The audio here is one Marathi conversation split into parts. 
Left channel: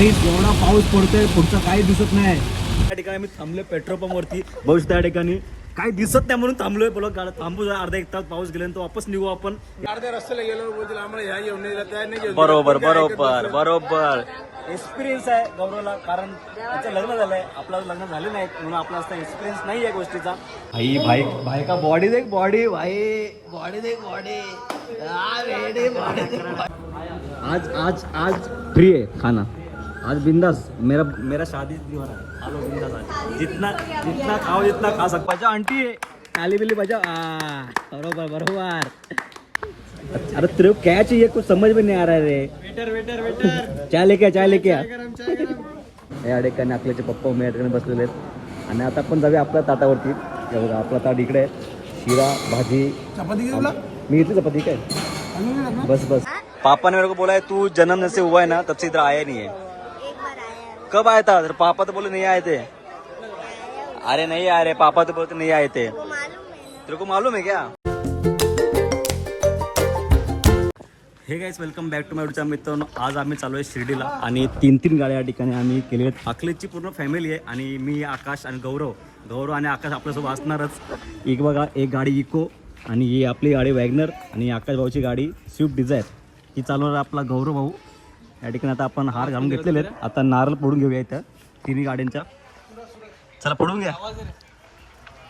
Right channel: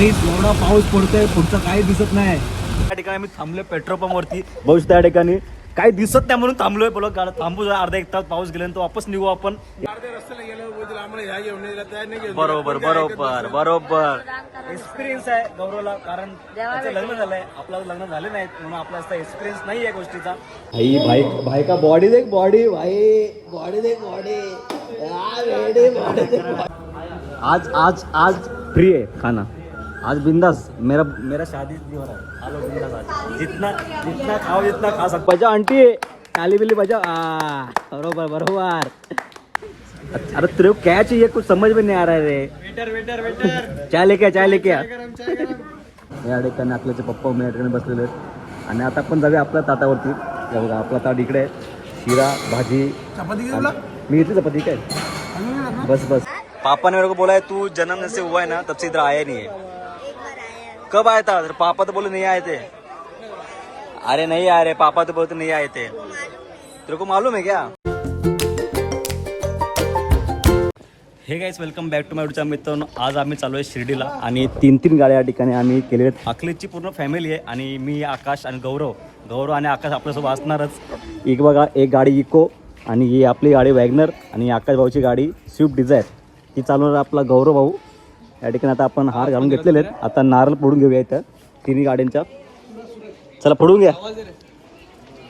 नाही एवढा पाऊस पडतोय पुढचं काही दिसत नाही. त्या ठिकाणी आम्ही थांबलोय पेट्रोल पंप वरती. बघू त्या ठिकाणी काही दिसत नाही म्हणून थांबलोय. बोला गाडी थांबू जरा अर्धा एक तास पाऊस गेल्यानंतर वापस निघू आपण. बरोबर बरोबर बरोबर एक्सपिरियन्स आहे गौरवला, कारण त्याचं लग्न झालंय, आपलं लग्न झाले नाहीत म्हणून आपला असा एक्सपिरियन्स नाही आहे गोष्टीचा. भाई भाई भाई का बॉडी देख बॉडी, भाई बॉडी देख बॉडी. आज आज आज फ्री है खाना, आज बिंदास. मेरा शादी हो रहा है, आलो बिंदास आज. जितना जितना खाओ जितना खा सकते. बजा आंटी काली बिल्ली बजा. बरोबर बरोबर. अरे तेरे को क्या चाहिए, कुछ समझ में नहीं आ रहा है रे. वेटर वेटर वेटर चाय लेके आ, चाय लेके आ. या ठिकाणी आपल्याचे पप्पा मी या ठिकाणी बसलेले आहेत आणि आता आपण जाऊया आपल्या ताटावरती. हे बघा आपला ताट इकडे, शिरा भाजी चपाती. मी इथली चपाती काय बस बस. पापा ने मेरे को बोला है तू जन्म से हुआ है ना तब से इधर आया नहीं है. कब आया था? पापा तो बोले नहीं आए थे. अरे नहीं आ रहे, पापा तो बोलते नहीं आए थे. तेरे को मालूम है क्या? Hey guys welcome back to my YouTube मित्रांनो. आज आम्ही चालू आहे शिर्डीला आणि तीन गाड्या या ठिकाणी आम्ही केले आहेत. अकलेची पूर्ण फॅमिली आहे आणि मी, आकाश आणि गौरव आणि आकाश आपल्यासोबत असणारच. एक बघा, एक गाडी इको आणि ही आपली गाडी वॅगनर आणि आकाश भाऊची गाडी स्विफ्ट डिझायर. ही चालवणार आपला गौरव भाऊ. या ठिकाणी आता आपण हार घालून घेतलेले आहेत. आता नारळ फोडून घेऊया इथं तिन्ही गाड्यांच्या. चला फोडून घ्या,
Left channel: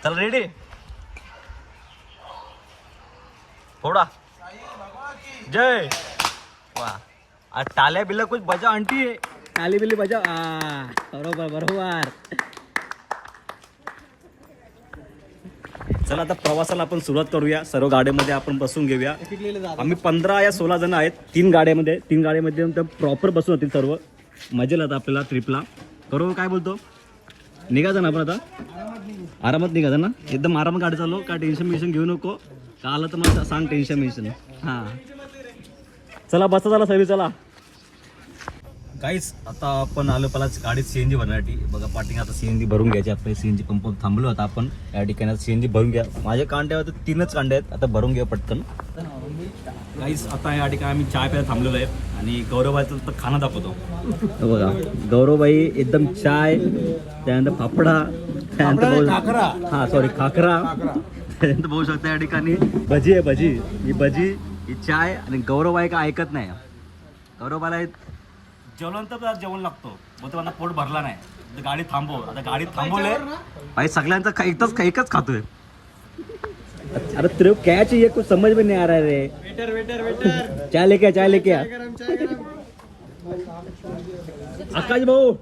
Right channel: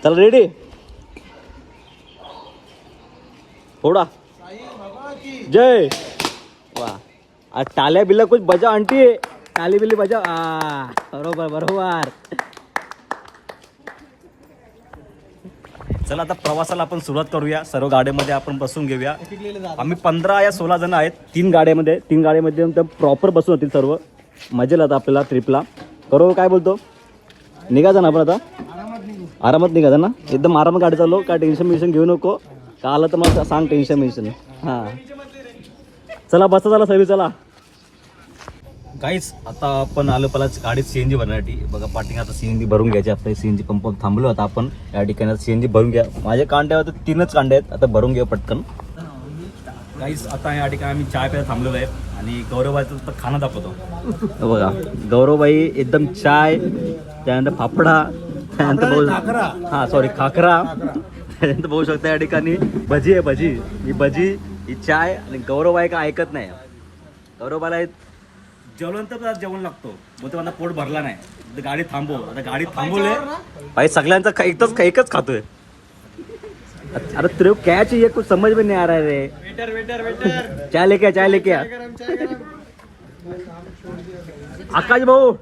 चला रेडी फोडा. जय वाह. टाल्या बिल्ला कुछ बजा आंटी, टाली बिल्ली बजा. बरोबर बरोबर. चला आता प्रवासाला आपण सुरुवात करूया. सर्व गाड्यामध्ये आपण बसून घेऊया. आम्ही 15 या 16 जण आहेत तीन गाड्यामध्ये प्रॉपर बसून होतील सर्व. मजा येईल आता आपल्याला ट्रिपला. बरोबर काय बोलतो, निघायचं ना आपण आता, आरामात निघायचं ना, एकदम आरामात गाडी चाललो. काय टेन्शन घेऊ नको, का आलं तर मला सांग टेन्शन. हां चला बसा, चला सगळी चला. काहीच आता आपण आलो पहिला गाडीत सीएनजी भरण्यासाठी. बघा पार्किंग आता सीएनजी भरून घ्यायची. आता सीएनजी पंप थांबलो आता आपण या ठिकाणी. सीएनजी भरून घ्या. माझे कांडे होते 3च कांडे आहेत, आता भरून घ्या पटकन. काहीच आता या ठिकाणी आम्ही चाय प्यायला थांबलेलो आहे आणि गौरवबाईचं तर खाना दाखवतो. बघा गौरवबाई एकदम चाय, त्यानंतर फाफडा, त्यानंतर हां सॉरी खाकरा, त्यानंतर बघू शकता या ठिकाणी भजी आहे. ही भजी ही चाय. आणि गौरवबाई का ऐकत नाही. गौरवबाईला जेवल्यानंतर जेवण लागतो, मग तो माझा पोट भरला नाही, गाडी थांबव. आता गाडी थांबवले भाई, सगळ्यांचा एकच खातोय. अरे तेरे को क्या चाहिए, कुछ समझ में नहीं आ रहा है रे. वेटर वेटर वेटर चाय लेके आ. आकाश भाऊ,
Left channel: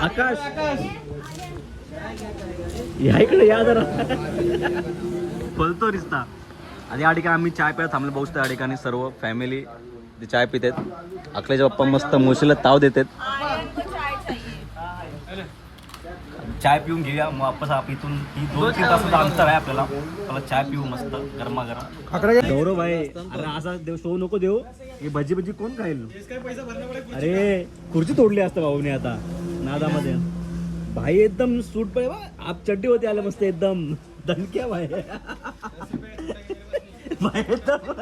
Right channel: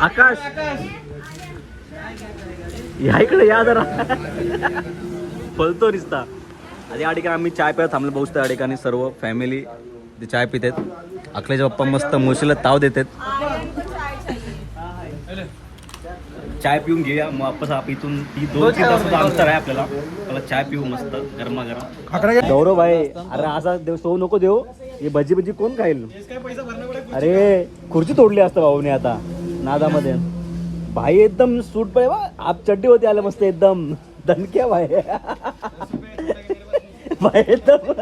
आकाश या इकडे या जरा. बोलतो रिश्ता. आणि या ठिकाणी आम्ही चाय प्यायला थांबलो. बघू या ठिकाणी सर्व फॅमिली चाय पितात. अखलेचे पप्पा मस्त मुशीला ताव देतात. चाय पिऊन घेऊया मग वापस आप इथून 2-3 तासाचं अंतर आहे आपल्याला. चाय पिऊ मस्त गरमागरम. गौरव भाई अरे असा देव सो नको देऊ. ही भजी कोण खाईल. अरे खुर्ची तोडली असतं भाऊने आता नादामध्ये. भाई एकदम सूट पाहिजे बा. आप चड्डी होती आले मस्त एकदम दणक्या भाई. भाई एकदम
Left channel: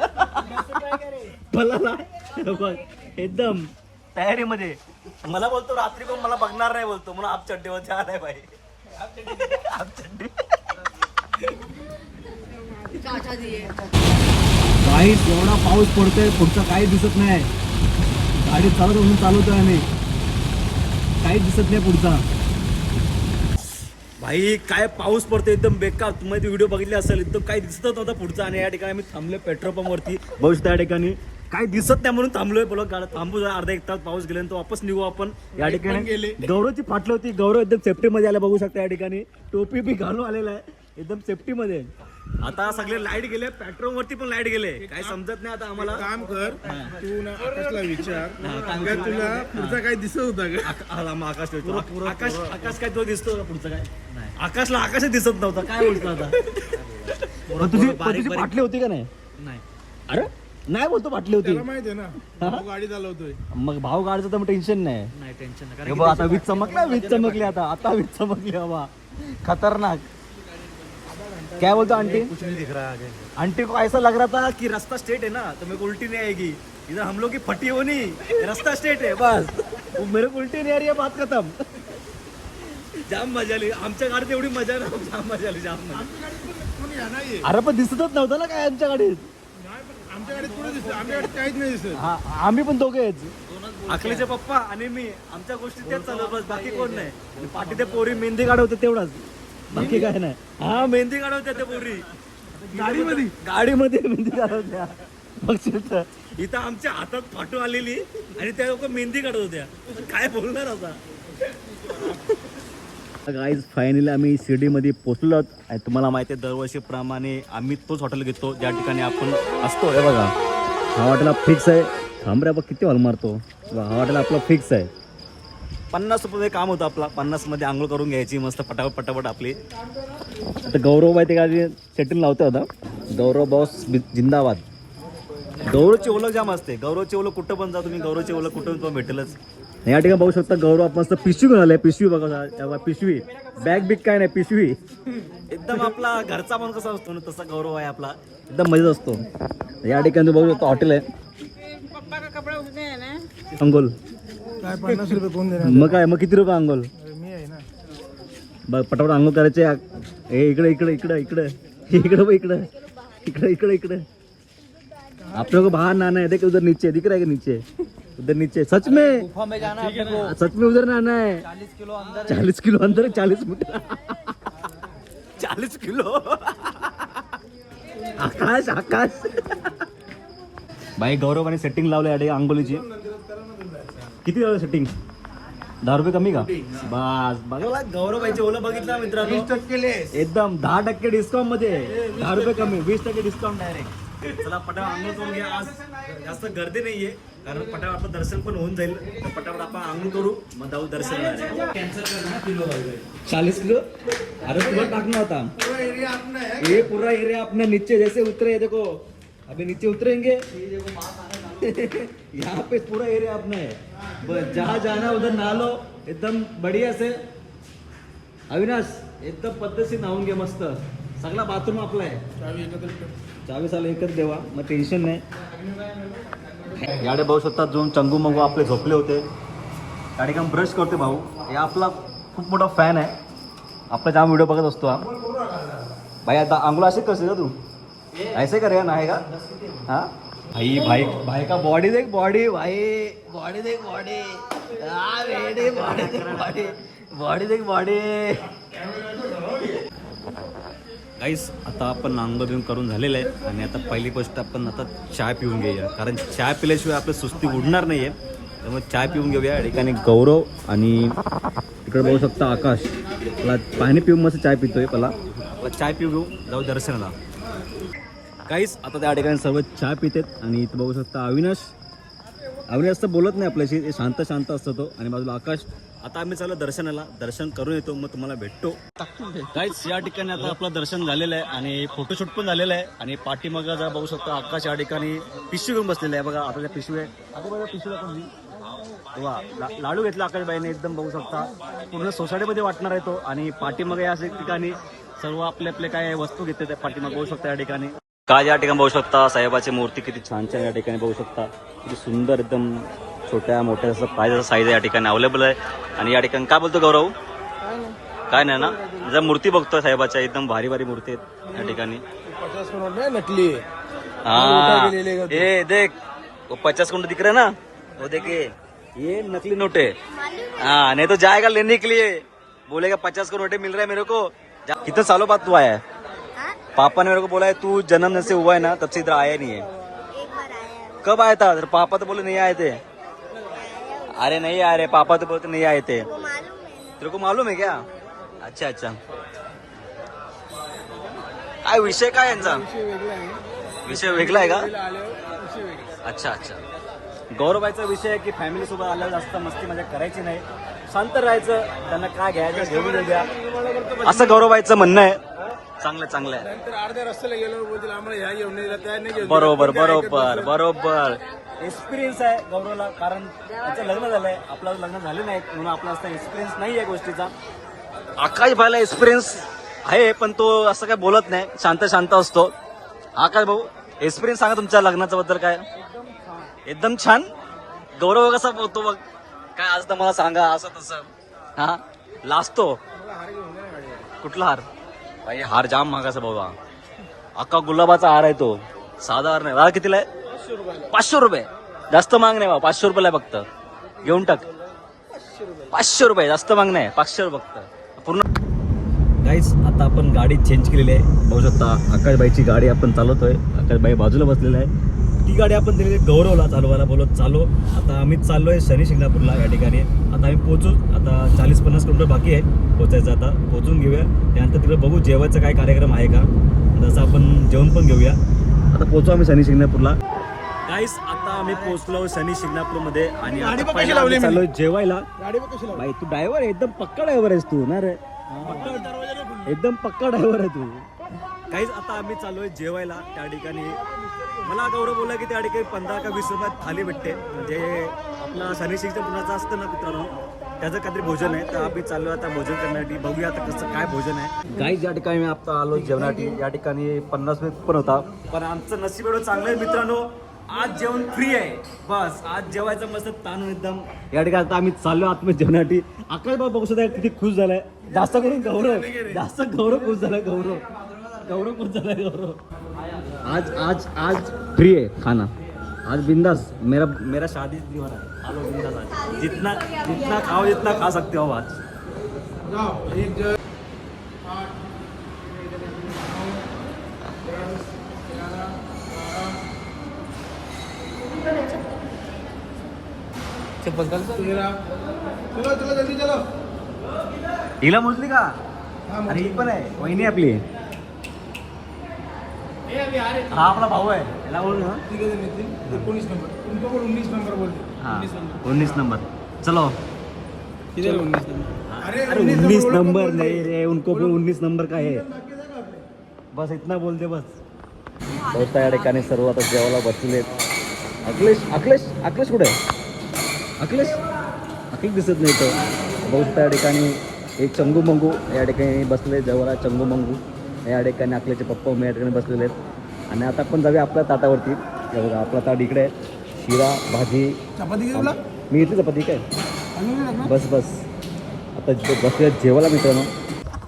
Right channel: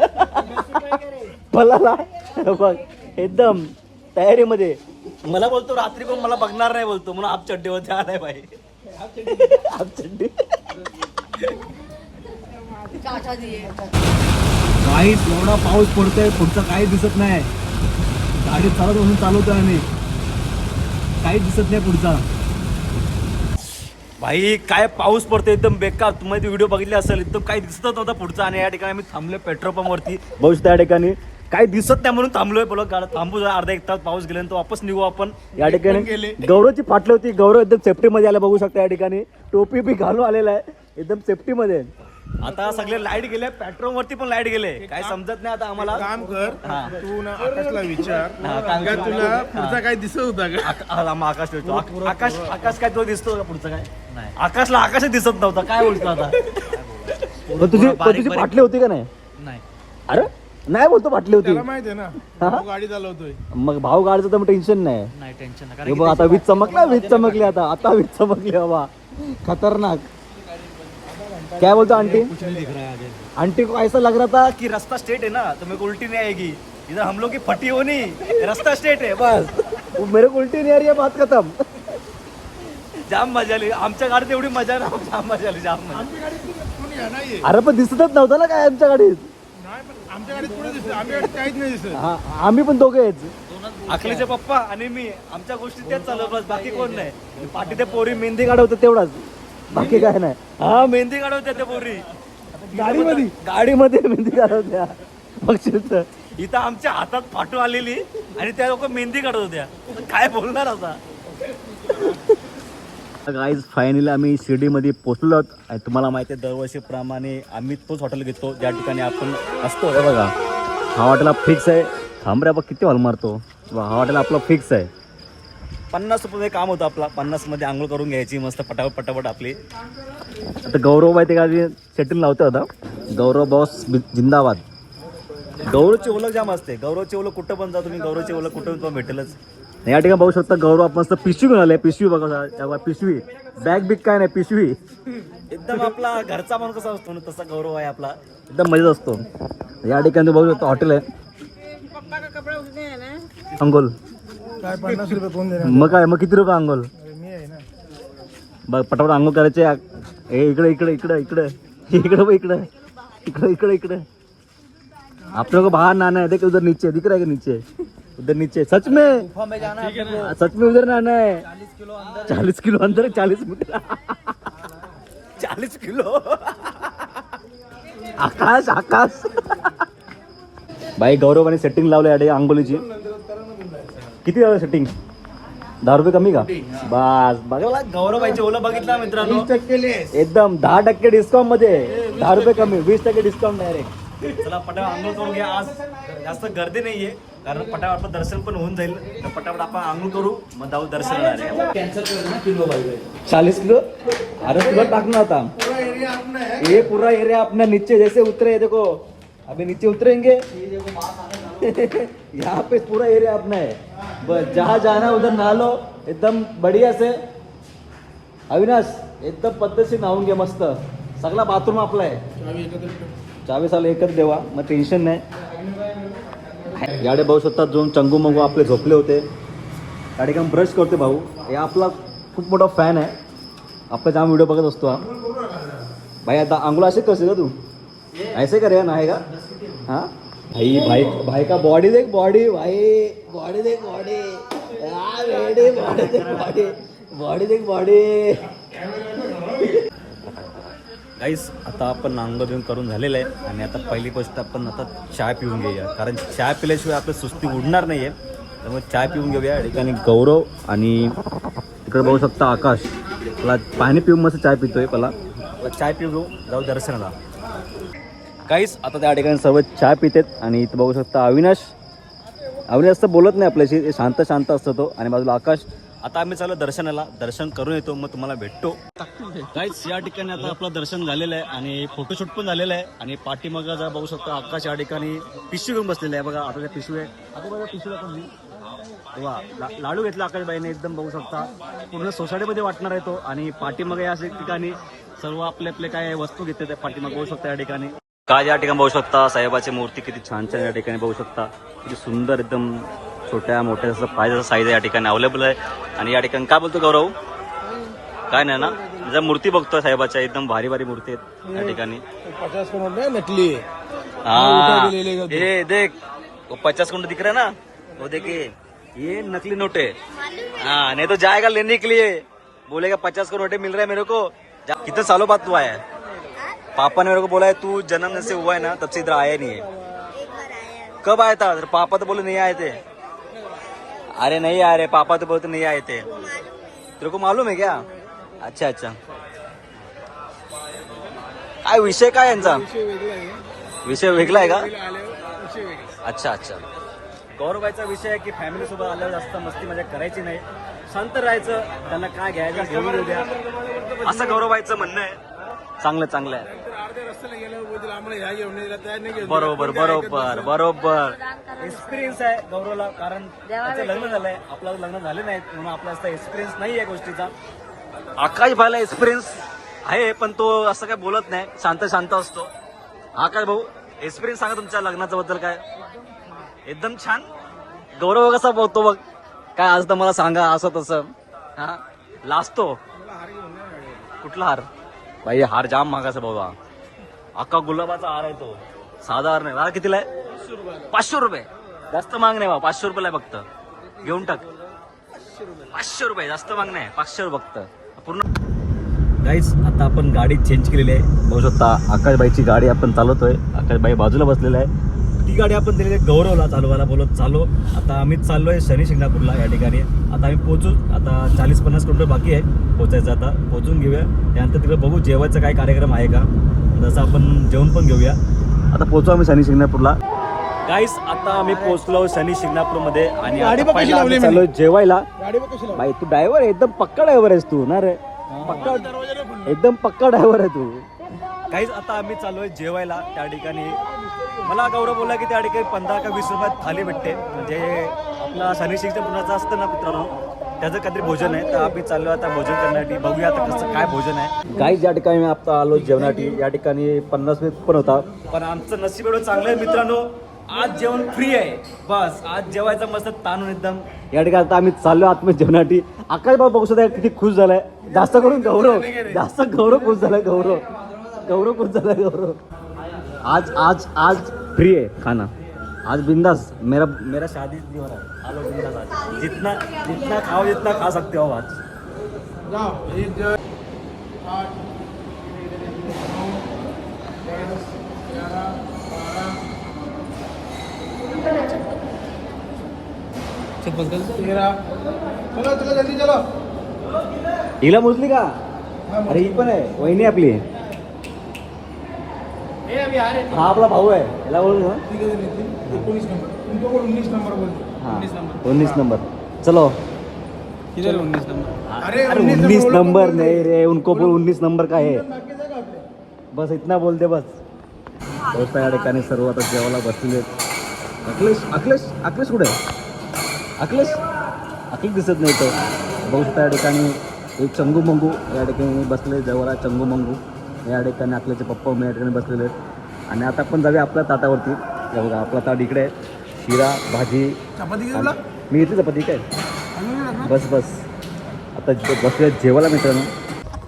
बघ एकदम तयारीमध्ये. मला बोलतो रात्री पण मला बघणार नाही बोलतो म्हणून आप चड्डी होते आलाय भाई. आप चड्डी नाही एवढा पाऊस पडतोय पुढचा काही दिसत नाही. गाडी चालवतोय आम्ही, काही दिसत नाही पुढचा. भाई काय पाऊस पडतो एकदम बेकार. तुम्ही ती व्हिडिओ बघितली असेल, एकदम काही दिसत नव्हता पुढचा. आणि या ठिकाणी आम्ही थांबलोय पेट्रोल पंप वरती. बघू त्या ठिकाणी काही दिसत नाही म्हणून थांबलोय. बोला गाडी थांबू जरा अर्धा एक तास पाऊस गेल्यानंतर वापस निघू आपण. या ठिकाणी गौरवची फाटली होती. गौरव एकदम सेफ्टी मध्ये आला. बघू शकता या ठिकाणी टोपी बी घालून आलेला आहे एकदम सेफ्टी मध्ये. आता सगळे लाईट गेले, पेट्रोल वरती पण लाईट गेले. काय समजत नाही आता आम्हाला. काम कर, तू ना आकाशला विचार, तुला पुढचा काय दिसत होता का? आकाश काय तो दिसतो का पुढचं काय? आकाशला आकाशच दिसत नव्हता. काय बोलतो आता. तुझी फाटली होती का नाही? अरे नाही बोलतो फाटली होती. त्याला माहिती आहे ना, भाऊ गाडी चालवतोय. मग भाऊ गाडीचं तर टेन्शन नाही. टेन्शन आता वीज चमकली आता वीज चमकली बाबा खतरनाक. क्या बोलतो आंटी? आंटी को ऐसा लग रहा था कि रास्ता स्ट्रेट है ना तो मेरे को उल्टी नहीं आएगी. इधर हम लोग की फटी होनी, रास्ता स्ट्रेट है बस. वो मेरे को उल्टी नहीं आ रही है, बात खतम. जाम मजा आली आमच्या गाडीत, एवढी मजा ना, जाम मजा आली, जाम मजा. कोणी या नाही अरे पण दिसतच नव्हतं ना काय आमच्या गाडीत. नाही, पण आमच्या गाडीत पुढे दिसत, आमच्या गाडीत काहीच नाही दिसत. हा, आम्ही पण दोघेच, अखिलेचे पप्पा आणि मी. आमच्या गोष्टी तेच चालू बस, बाकी कोण नाही. पाठी ते पोरी मेहंदी काढवतात तेवढाच, बाकी काय नाही. हा मेहंदी काढवत्या त्या पोरी गाडीमध्ये मेहंदी काढवत्या. बघशील इथं आमच्या हातात फाटू आलेली आणि त्या लोक मेहंदी काढत होत्या. काय बोलणार आता. गाईज फायनली आम्ही शिर्डीमध्ये पोहोचलो आहोत. आणि तुम्हाला माहिती आहे दरवर्षीप्रमाणे आम्ही तोच हॉटेल घेतो ज्या ठिकाणी आपण असतो. हे बघा, हा हॉटेल फिक्स आहे. थांबऱ्या बघ किती हॉल मारतो. हा हॉटेल आपला फिक्स आहे. 50 रुपये काम होतं आपला. 50 मध्ये आंघोळ करून घ्यायची मस्त पटापट पटापट आपली. आता गौरव बाई ते गाडी सेटिंग लावते होता. गौरव बॉस जिंदाबाद. गौरवची ओळख जाम असते. गौरवची ओळख कुठं पण जा तुम्ही, गौरवची ओळख कुठं पण भेटेलच. या ठिकाणी बघू शकता गौरव आपण मस्त पिशवी घेऊन आले. पिशवी बघा, पिशवी बॅग बिग काय नाही, पिशवी एकदम आपला घरचा माणूस कसा असतो ना तसा गौरव आहे आपला. एकदम मजेत असतो. या ठिकाणी बघू शकता हॉटेल आहे. अंगोल काय 50 रुपये कोण देणार? मग काय, मग किती रुपये अंगोल? मी आहे ना. बघ पटापट अंघोळ करायचे. हे इकडे इकडे इकडे इकडे इकडे बघ, इकडे इकडे इकडे इकडे. आप लोगों को बाहर नहाना है. देख उधर नीचे दिख रहा है कि नीचे, उधर नीचे. सच में सच में उधर नहाना है. 40 किलो अंदर 40 मीटर 40 किलो. आकाश आकाश. भाई गौरवाने सेटिंग लावलं या आंघोळीची. किती झालं सेटिंग? 10 रुपये कमी का? बस बघा गौरव भाईची ओला बघितला मित्रांनो, एकदम 10% डिस्काउंट मध्ये. 10 रुपये कमी, 20% डिस्काउंट डायरेक्ट. चला पटापट आंघोळ करून घ्या. आज जास्त गर्दी नाहीये कारण पटापट आपलं दर्शन पण होऊन जाईल. तर पटापट आपण आंघोळ करू मग जाऊ दर्शनाला. 40 किलो अरे तुला टाकना होता. ये पूरा एरिया अपना नीचे जैसे उतरे, देखो अभी नीचे उतरेंगे. यहाँ पे पूरा एरिया अपना है. बस जहाँ जाना उधर नहा लो एकदम बढ़िया से. अविनाश एकदम पद्धतशीर नहावून घे मस्त. सगळा बाथरूम आपला आहे. चावी साला एकच देवा, मग टेन्शन नाही. याडे भाऊ शकता दोन चंगू मंगू आपले झोपले होते. त्या ठिकाणी ब्रश करतो भाऊ. या आपला खूप मोठा फॅन आहे. आपला जाम व्हिडिओ बघत असतो हा भाई. आता आंघोळ असे करशील का तू? ऐसे करेगा नाही का? हाँ भाई भाई भाई का बॉडी देख, बॉडी भाई, बॉडी देख बॉडी. हाँ बेटे बॉडी देख बॉडी, बॉडी देख बॉडी. गाईस आता आपण आंघोळ बिंघोळ करून झालेलं आहे आणि आता पहिली गोष्ट आपण आता चाय पिऊन घेऊया. कारण चाय पिल्याशिवाय आपली सुस्ती उडणार नाही आहे. त्यामुळे चाय पिऊन घेऊया. या ठिकाणी गौरव आणि इकडे बघू शकता आकाश. मला पाणी पिऊन मस्त चाय पितोय. पहिला चाय पिऊ घेऊ, जाऊ दर्शनाला. काहीच आता त्या ठिकाणी सर्व चाय पितात. आणि इथं बघू शकता अविनाश. अविनाश तर बोलत नाही आपल्याशी, शांत शांत असतो तो. आणि बाजूला आकाश. आता आम्ही चालू दर्शनाला, दर्शन करून येतो मग तुम्हाला भेटतो. काहीच या ठिकाणी आता आपलं दर्शन झालेलं आहे आणि फोटोशूट पण झालेलं आहे. आणि पाठीमागं जर बघू शकता आकाश या ठिकाणी पिशवी घेऊन बसलेलं आहे. बघा आता पिशवी आहे. आता बघा पिशवी तेव्हा लाडू घेतला आकाशबाईने. एकदम बघू शकता पूर्ण सोसायटीमध्ये वाटणार आहे तो. आणि पाठीमागे या ठिकाणी सर्व आपले आपले काय वस्तू घेतले पाठीमागे बघू शकता. या ठिकाणी काय या ठिकाणी बघू शकता साहेबाची मूर्ती किती छान छान या ठिकाणी बघू शकता. किती सुंदर एकदम छोट्या मोठ्या असं पाहिजे साईज या ठिकाणी अवेलेबल आहे. आणि या ठिकाणी काय बोलतो गौरव? काय नाही ना, जर मूर्ती बघतोय साहेबाच्या एकदम भारी भारी मूर्ती आहेत या ठिकाणी. 50 करोड़ नकली है. हाँ ये देख वो 50 करोड़ दिख रहा है ना, वो देखिए ये नकली नोट है. हाँ नहीं तो जाएगा लेने के लिए, बोलेगा 50 करोड़ नोटे मिल रहा है मेरे को. कितने सालों बाद तू आया है? पापा ने मेरे को बोला है तू जन्म से हुआ है ना तब से इधर आया नहीं है. कब आया था? पापा तो बोले नहीं आए थे. अरे नहीं आ रहे, पापा तो बोलते नहीं आए थे. तेरे को मालूम है क्या? अच्छा अच्छा. काय विषय काय यांचा? विषय वेगळा आहे का? अच्छा अच्छा. गौरवाचा विषय आहे की फॅमिली सोबत आल्यावर जास्त मस्ती मजा करायची नाही, शांत राहायचं. त्यांना काय घ्यायचं घेऊन देऊ द्या, असं गौरवाचं म्हणणं आहे. चांगलं चांगलं आहे. बरोबर बरोबर बरोबर. एक्सपिरियन्स आहे गौरवला, कारण त्याचं लग्न झालंय, आपलं लग्न झाले नाहीत म्हणून आपला असा एक्सपिरियन्स नाही आहे गोष्टीचा. आकाश भाईला एक्सपिरियन्स आहे पण तो असं काय बोलत नाही, शांत शांत असतो. आकाश भाऊ एक्सपिरियन्स सांगा तुमच्या लग्नाच्या बद्दल काय? एकदम छान. गौरव कसा बघतो बघ, काय आज तर मला सांगा असं तसं. हा लाजतो. कुठला हार भाई? हार जाम महागाचा बाबा. अख्खा गुलाबाचा हार आहे तो, साधा हार नाही. हार कितीला आहे? 500 रुपये. जास्त माग नाही बा, 500 रुपयाला आहे फक्त. घेऊन टाक. 500 रुपये जास्त माग नाही, 500 रुपये फक्त पूर्ण. गाईज आता आपण गाडी चेंज केलेली आहे. बघू शकता आकाशबाईची गाडी आपण चालवतोय. आकाशबाई बाजूला बसलेला आहे. ती गाडी आपण दिलेली गौरवला चालवायला बोलत चालू. आता आम्ही चाललोय शनी शिंगणापूरला. या ठिकाणी आता आम्ही पोहोचू. आता 40-50 किलोमीटर बाकी आहे पोहोचायचं. आता पोहोचून घेऊया. त्यानंतर तिकडे बघू जेवायचा काय कार्यक्रम आहे का, जसं आपण जेवण पण घेऊया. आता पोहोचू आम्ही शनी शिंगणापूरला. गाईस आता आम्ही पोहोचलो शनी शिंगणापूरमध्ये आणि आता पहिला आम्ही चाललोय जेवायला. भाई तू ड्रायव्हर आहे, एकदम पक्का ड्रायव्हर आहेस तू ना रे. पक्का, एकदम पक्का ड्रायव्हर आहे तू. काहीच आता आम्ही चाललोय जेवायला. त्या ठिकाणी मला गौरव बोलला की त्या ठिकाणी 15 का 20 रुपयात थाली भेटते. म्हणजे आपला शनी शिंगणापूरचा असतं ना मित्रांनो, त्याचं काहीतरी भोजन आहे. तर आम्ही चाललो आता भोजन करण्यासाठी. बघूया आता कसं काय भोजन आहे. गाईज या ठिकाणी मी आता आलो जेवणासाठी. या ठिकाणी 50 रुपये पण होता, पण आमचं नशीब एवढं चांगलं आहे मित्रांनो, आज जेवण फ्री आहे. बस आज जेवायचं मस्त ताणून एकदम. या ठिकाणी आता आम्ही चाललो आतमध्ये जेवणासाठी. आकाश बाबा बघू शकता किती खुश झालाय. जास्त करून गौरव, जास्त गौरव खुश झालाय. गौरव खुश झालाय. गौरव आज आज आज फ्री है खाना. आज बिंदास. मेरा शादी दिवार है. आलो बिंदास आज. जितना खाओ, जितना खा सकते हो आज. हिला मोजली का? अरे ही पण आहे, वहिनी आपली. हा आपला भाऊ आहे. याला बोल ना. 19 नंबर. चलो. किधर 19 नंबर? अरे 19 नंबर नहीं रे, उनको बोल 19 नंबर का है. बस इतना बोल दे बस. दोस्ता या ठिकाणी सर्व आता जेवायला बसलेले. अखिलेश कुठे आहे? अखिलेश दिसत नाही तो. दोस्ता या ठिकाणी एक चंगू मंगू या ठिकाणी बसले जवळ. चंगू मंगू या ठिकाणी अखिलेशचे पप्पा या ठिकाणी बसलेले आहेत. आणि आता आपण जाऊया आपल्या ताटावरती. हे बघा आपला ताट इकडे आहे. शिरा भाजी चपाती. मी घेतली चपाती काय. बस आता बसूया जेवायला मित्रांनो.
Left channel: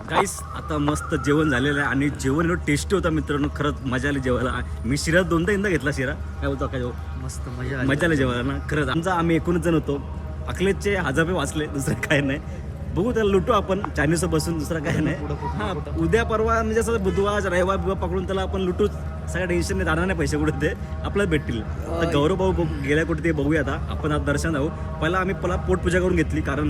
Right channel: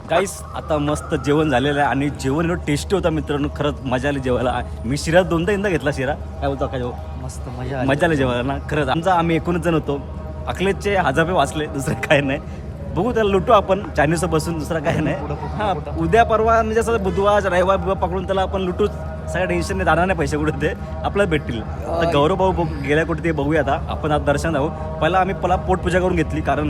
गाईस आता मस्त जेवण झालेलं आहे आणि जेवण एवढं टेस्टी होता मित्रांनो. खरंच मजा आली जेवायला. मी शिरा 2दा घेतला शिरा. काय बोलतो काय मस्त मजा आली जेवायला ना. खरंच आम्ही 19 जण होतो. अखिलेशचे 1000 रुपये वाचले, दुसरं काय नाही. बघू त्याला लुटू आपण चायनीजवर बसून, दुसरं काय नाही. हा उद्या परवा म्हणजे असं बुधवार रविवार पकडून त्याला आपण लुटूच. सगळ्या टेन्शन नाही, जाणार नाही पैसे कुठे ते आपल्याला भेटतील. आता गौरव भाऊ गेल्या कुठे ते बघूया. आता दर्शन जाऊ. पहिला आम्ही पोटपूजा करून घेतली, कारण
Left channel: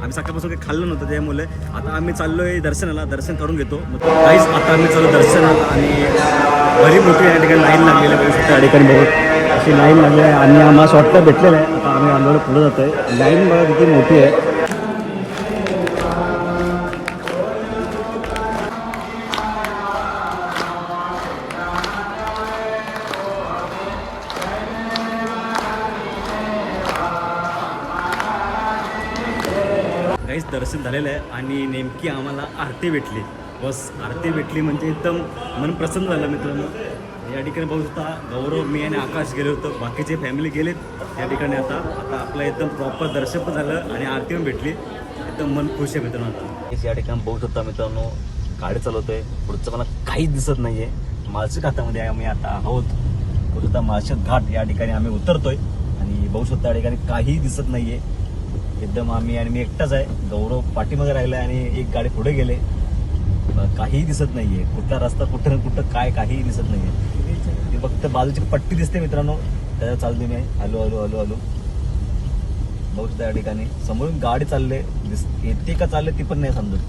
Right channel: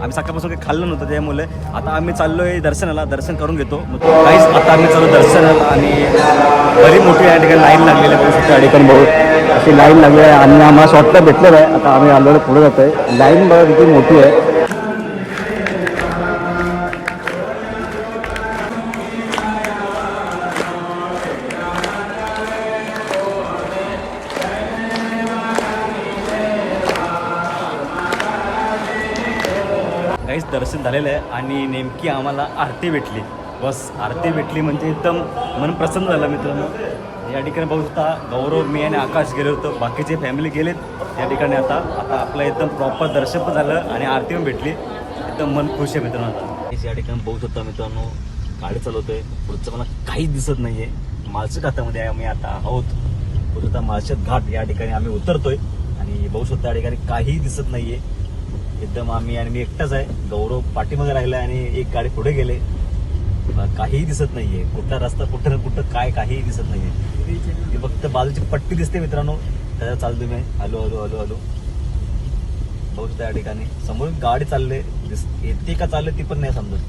आम्ही सकाळपासून काही खाल्लं नव्हतं त्यामुळे. आता आम्ही चाललोय दर्शनाला, दर्शन करून घेतो. काहीच आता आम्ही चाललो दर्शनाला आणि बरी मोठी या ठिकाणी लाईन लागलेली आहे. त्या ठिकाणी बहुत अशी लाईन लागली आहे आणि आम्हाला शॉर्टला भेटलेलं आहे. आता आम्ही आलो पुढे जातोय. लाईन बघा किती मोठी आहे. काहीच दर्शन झालेलं आहे आणि नेमकी आम्हाला आरती भेटली. बस आरती भेटली म्हणजे एकदम मन प्रसन्न झालं मित्रांनो. या ठिकाणी बघू शकता गौरव, मी आणि आकाश गेलो होतो. बाकीचे फॅमिली गेलेत या ठिकाणी. आता आपलं एकदम प्रॉपर दर्शन पण झालं आणि आरती पण भेटली. एकदम मन खुश आहे मित्रांनो. आता या ठिकाणी बघू शकता मित्रांनो, गाडी चालवतोय. पुढचं मला काहीच दिसत नाहीये. माळशेत घाटामध्ये आम्ही आता आहोत. बघू शकता माळशेत घाट या ठिकाणी आम्ही उतरतोय आणि बघू शकता या ठिकाणी काहीही दिसत नाहीये. एकदम आम्ही आणि मी एकटाच आहे. गौरव पाठीमध्ये राहिला आणि एक गाडी पुढे गेले. काहीही दिसत नाहीये. कुठला रस्ता कुठं ना कुठं काय काहीही दिसत नाहीये. फक्त बाजूची पट्टी दिसते मित्रांनो, त्याच्या चालतो मी. हॅलो बघू शकता या ठिकाणी समोरून गाडी चालले. येते का चालले ती पण नाही समजत.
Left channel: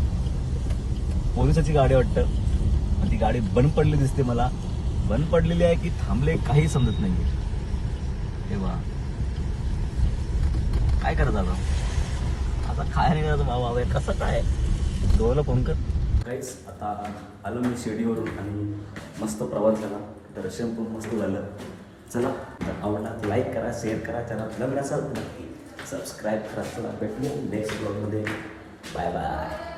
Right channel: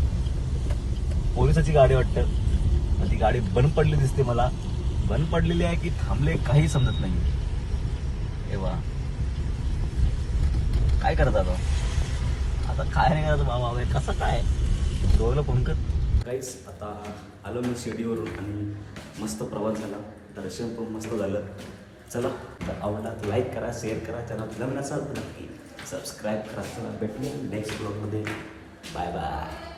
पोलिसाची गाडी वाटतं. ती गाडी बंद पडली दिसते मला. बंद पडलेली आहे की थांबले काही समजत नाहीये. तेव्हा काय करत आता काय नाही करत बाबा. कसं काय डोलं फोन कर. काहीच आता आलो मी शिर्डीवरून आणि मस्त प्रवास झाला. दर्शन पण मस्त झालं. चला आवडला लाईक करा, शेअर करा. चॅनल नवीन असाल तर नक्की सबस्क्राईब करा. चला भेटू नेक्स्ट ब्लॉगमध्ये. Bye bye.